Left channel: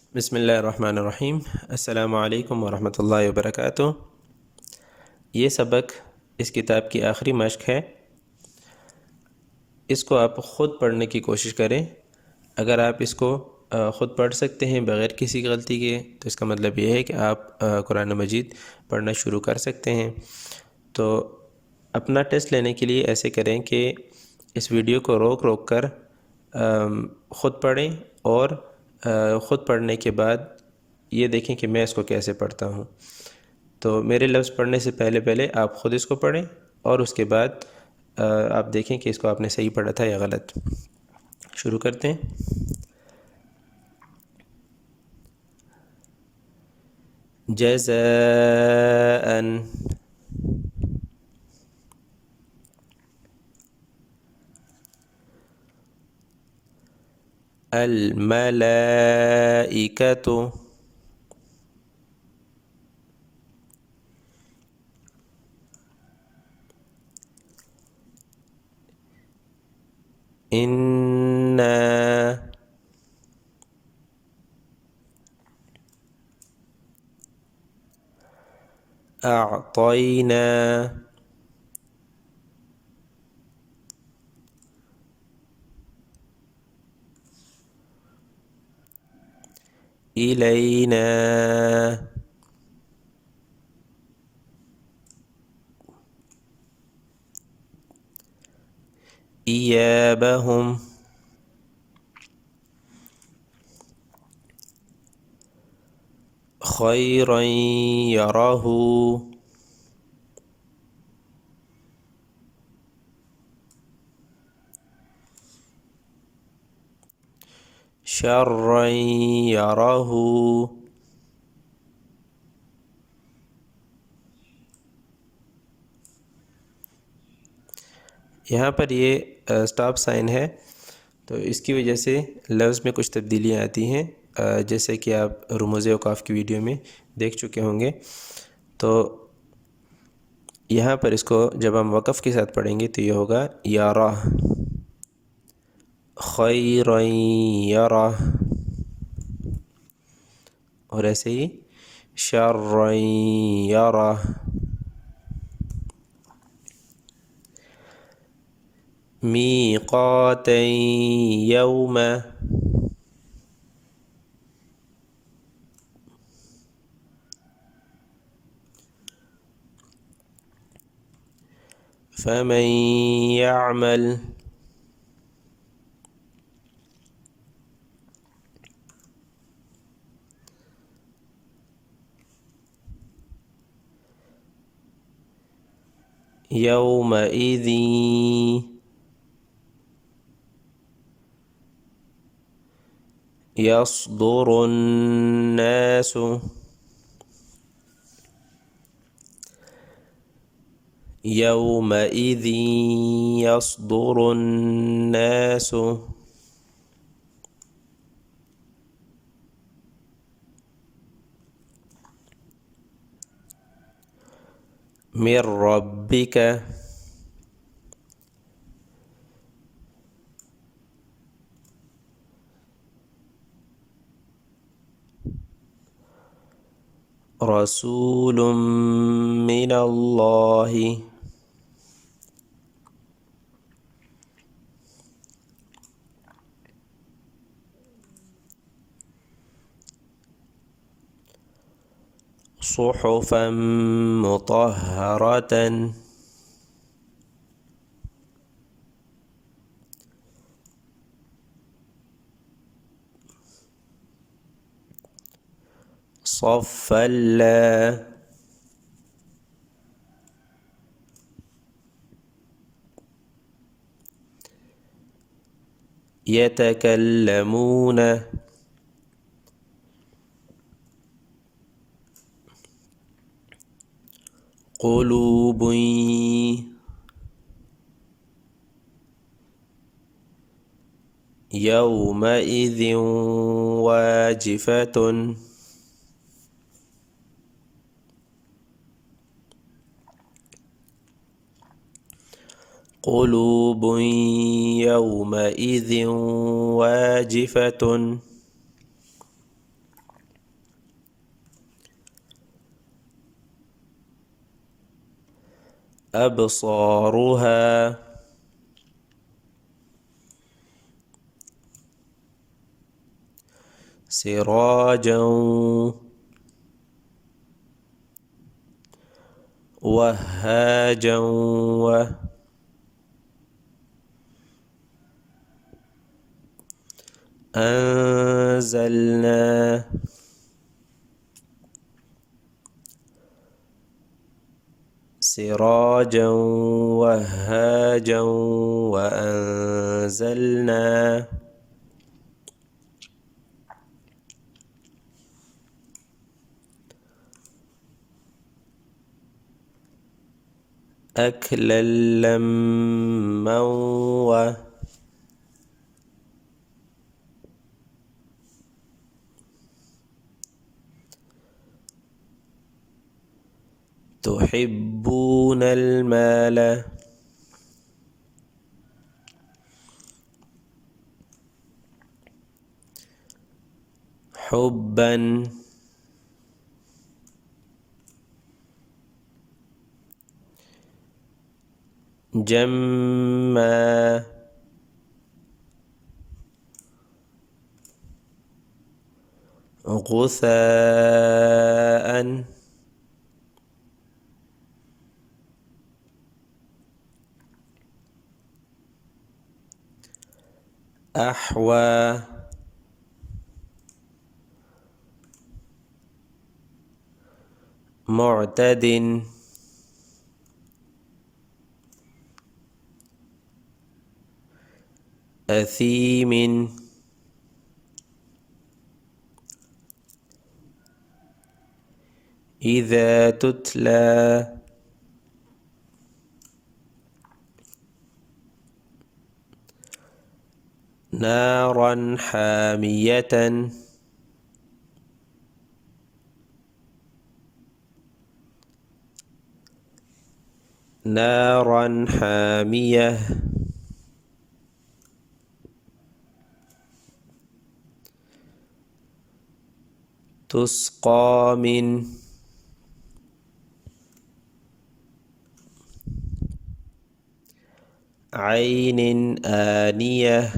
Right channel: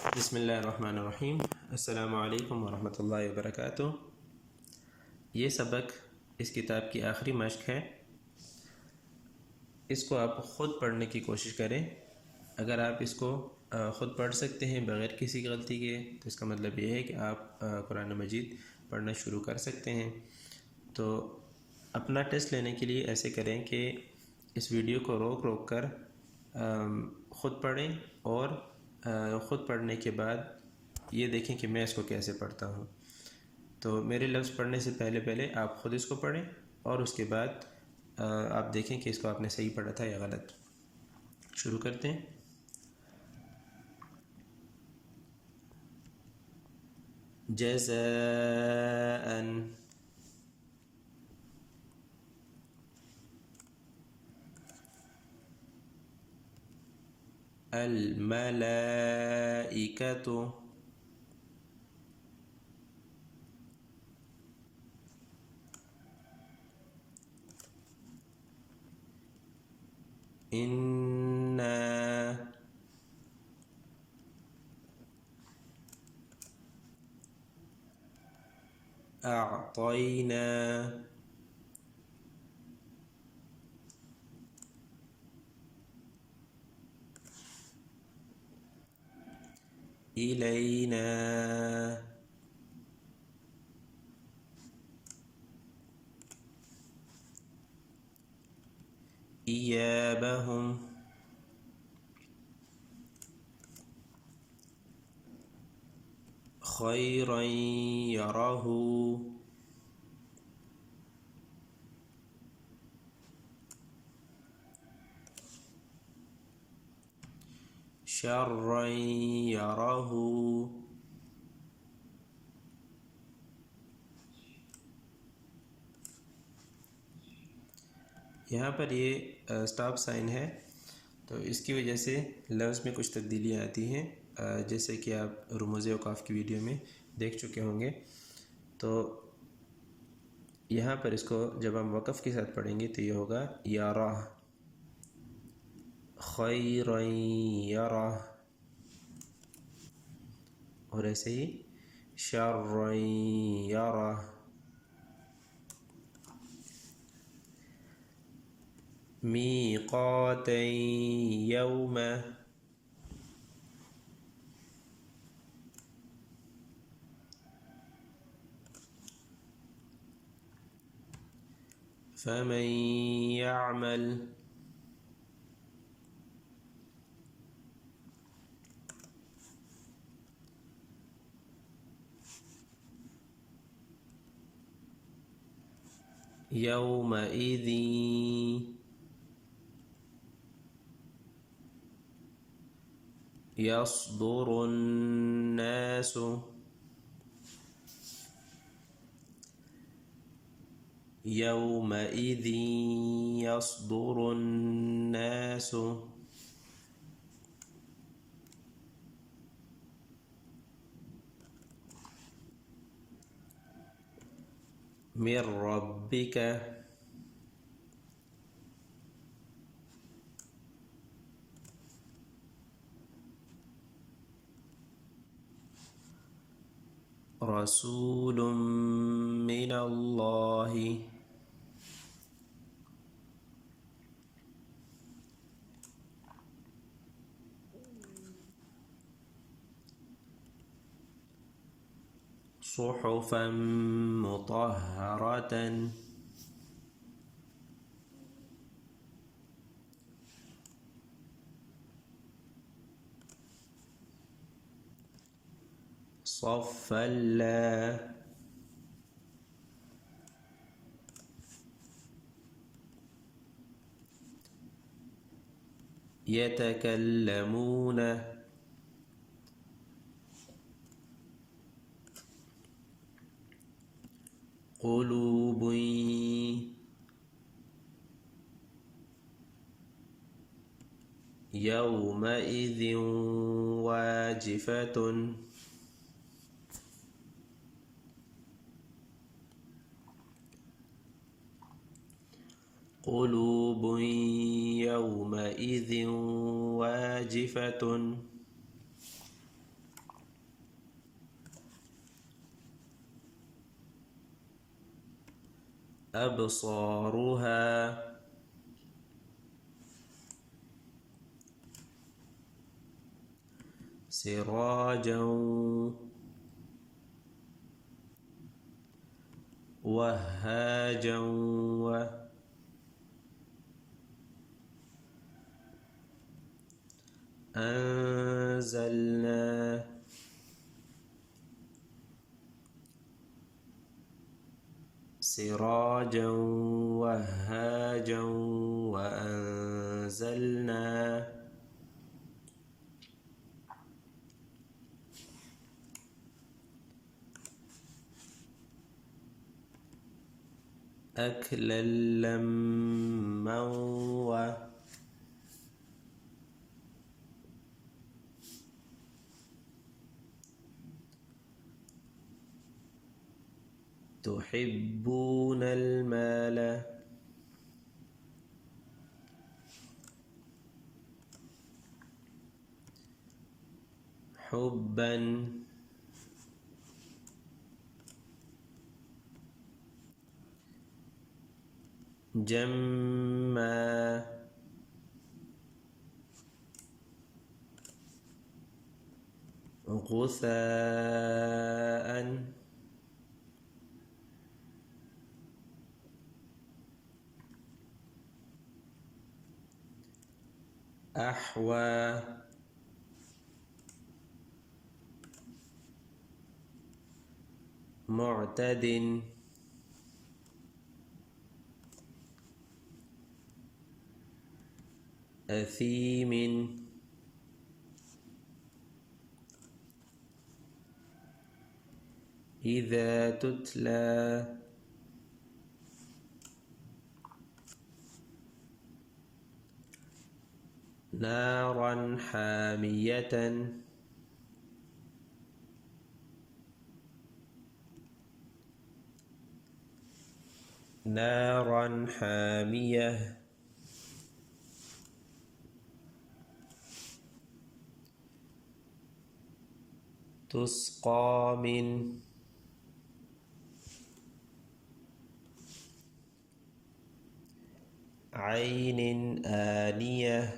बिस्मिल्लाहिर्रहमानिर्रहीम। अस्सलामु अलैकुम वरहमतुल्लाहि वबरकातुह। ये सबक इस किताब की आखिरी मश्क है। इसको आप ख़ुद पढ़ने की कोशिश करें। अगर आप इसको ख़ुद पढ़ सकते हैं बग़ैर किसी गलती के, तो इसका मतलब ये है कि आप कुरान मजीद पढ़ना शुरू कर सकते हैं। तो अपना टेस्ट लेने के लिए ऐसे करें कि इस वीडियो को रोक रोक कर ख़ुद पढ़ें और ख़ुद पढ़ने के बाद ये देखें कि मैं इसको कैसे पढ़ता हूँ। तो मेरे लफ्ज़ पढ़ने से पहले पहले आप ख़ुद इसको पढ़ें और उसके बाद आप देखें कि इसको आपने सही पढ़ा था या गलत। शुरू करते हैं। जज़ाअन, अल मलाइकतु, इन्ना अअतैना इलैना इयाबहुम खैरन यरहू शर्रन यरहू। यहाँ पर ये स्टॉप साइन है, तो इसकी वजह से लफ्ज़ में कुछ तब्दीलियाँ आती हैं, जैसे कि आप रुमूज़ औक़ाफ़ की वीडियो में देख चुके होंगे। तो यहाँ पर इसको जब हम वक़फ़ के साथ पढ़ेंगे तो ये होगा यारा, खैरन यरा, और ऐसे ही शर्रन यरा। मीक़ातन यौम, फमन यअमल यौमइज़िन यस्दुरुन्नासु यौमइज़िन यस्दुरुन्नासु मिर रब्बिक रसूलुम मिनल्लाहि सुहुफ़न मुतहहरतन صفًا لا يتكلمون قلوب يومئذ واجفة قلوب يومئذ واجفة أبصارها سراجا وهاجا أنزلنا سراجا وهاجا وأنزلنا أكلا لما تحبون المال حبا جما غثاء أحوى معتد أثيم إذا تتلى نارا حامية نارا حامية تسقى من عين آنية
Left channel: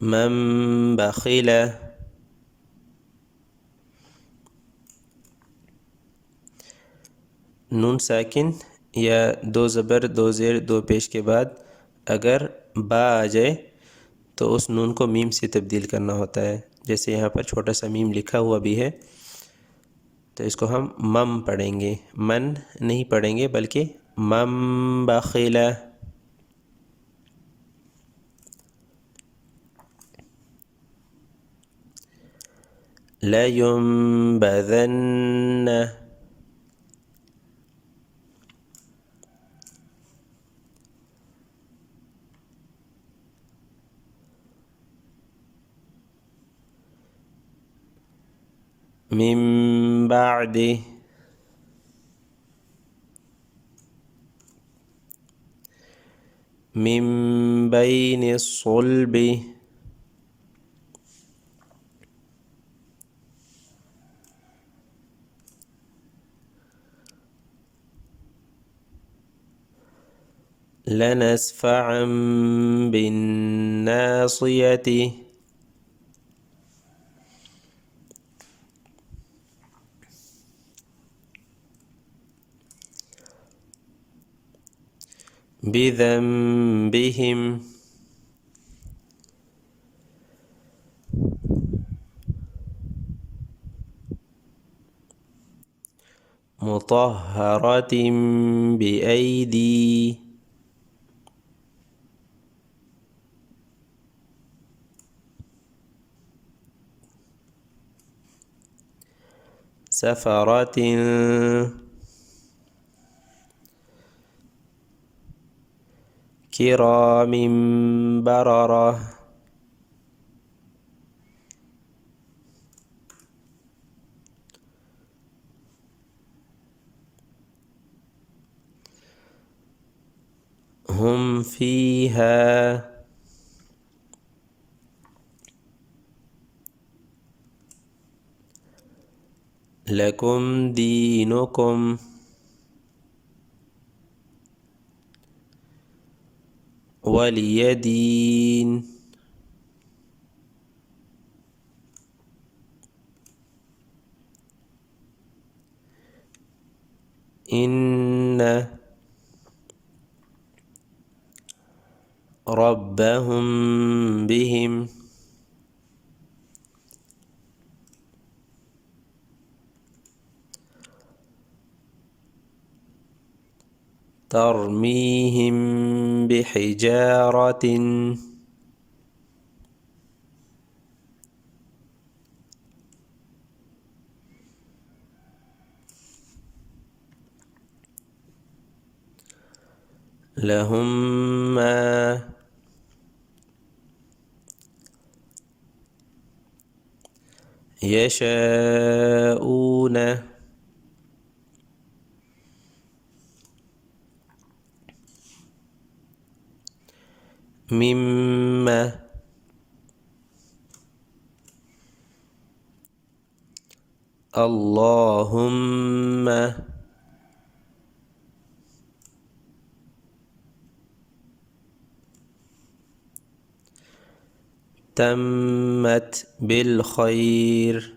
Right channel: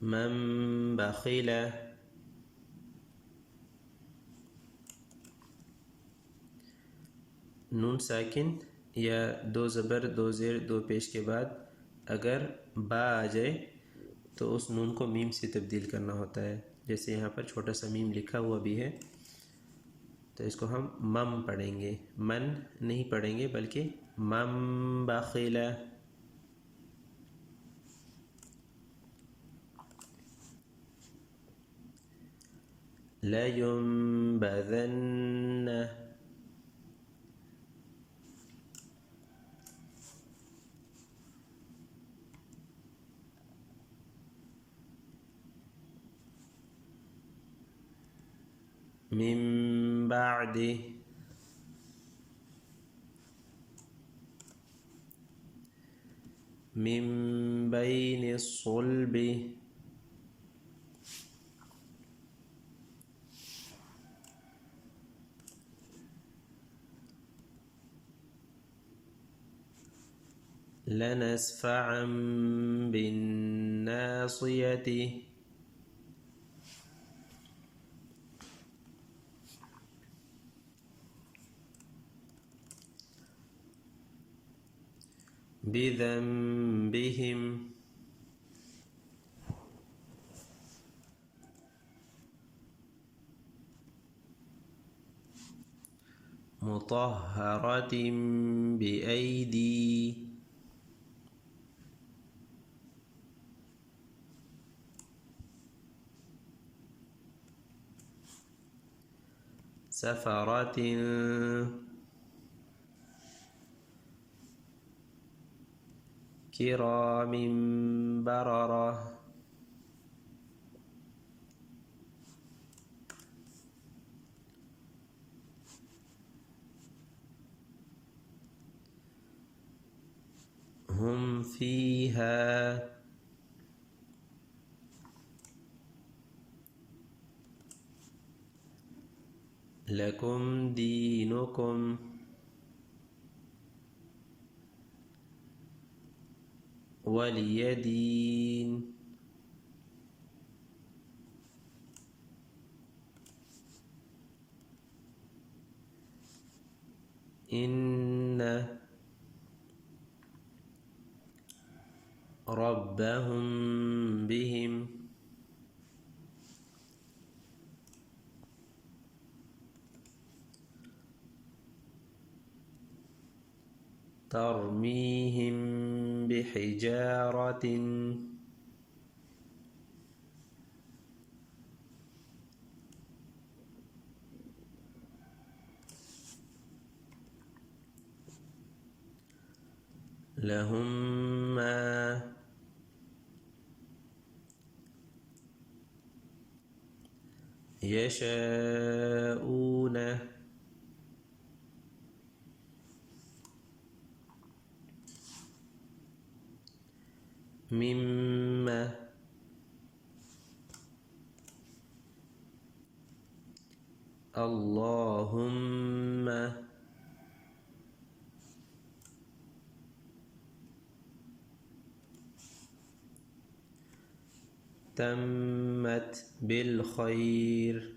من بخل नून साकिन या दो ज़बर दो ज़ेर दो पेश के बाद अगर बा आ जाए तो उस नून को मीम से तब्दील करना होता है। जैसे यहाँ पर छोटा सा मीम लिखा हुआ भी है तो इसको हम मम पढ़ेंगे, मन नहीं पढ़ेंगे बल्कि मम बखिला। लयुंबज़न्न मिन बादि मिन बैनि सुल्बि लनस्फ़अन बिन्नासियति बिज़ंबिहिम मुतहहरतिन बिअयदी सफ़रतिन किरामिन बररह هم فيها لكم دينكم ولي دين. إن ربهم بهم ترميهم بحجارة لهم ما يشاءون مما اللهم تمت بالخير